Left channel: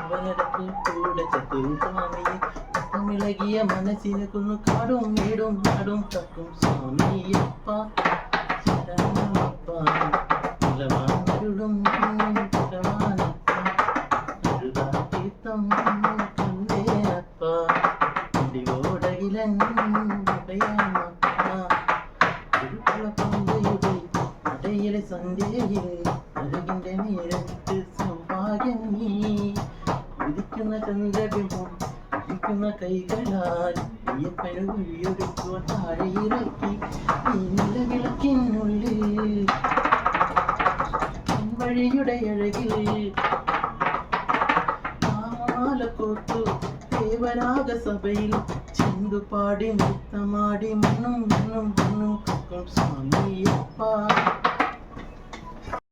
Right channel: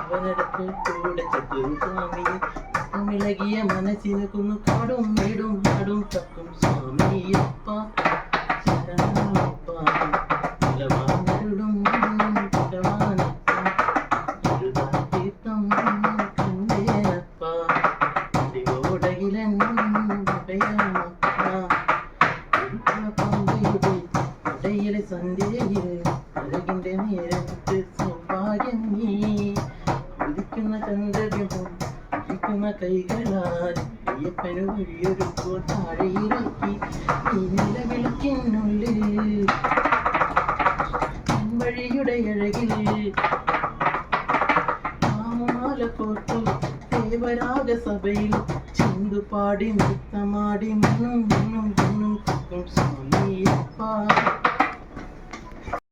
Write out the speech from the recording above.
അവനടത്ത് കൂടെ സ്വാമിയെ ഇളകിയ മനസ്സിനെ കൊന്നു കാടും വീടും നാടും തക്കും സ്വാമിയപ്പ ശരണമപ്പ ഇളവാനരുളും തീർത്ഥം കണ്ടേനപ്പ ഇടിയോടകിലൻ ഇടയിലെ സന്ധ്യയിൽ അഴകിന്റെ നേരത്ത് സൗഭാഗ്യം നീ ഉദിക്കുന്ന ചന്ദ്രൻ ഇരിക്കുന്ന കൈകളാൽ അയ്യപ്പന് വഴിയൊരു താഴെയിറക്കി നീല വിളക്കിനുള്ളിൽ വഴിയുടെ അഴകിൽ മാല കോർത്തു ദേവരാഗ സഭയിൽ ചിന്തുപാടി നൃത്തമാടി മണ്ണും മണ്ണും സ്വാമിയപ്പ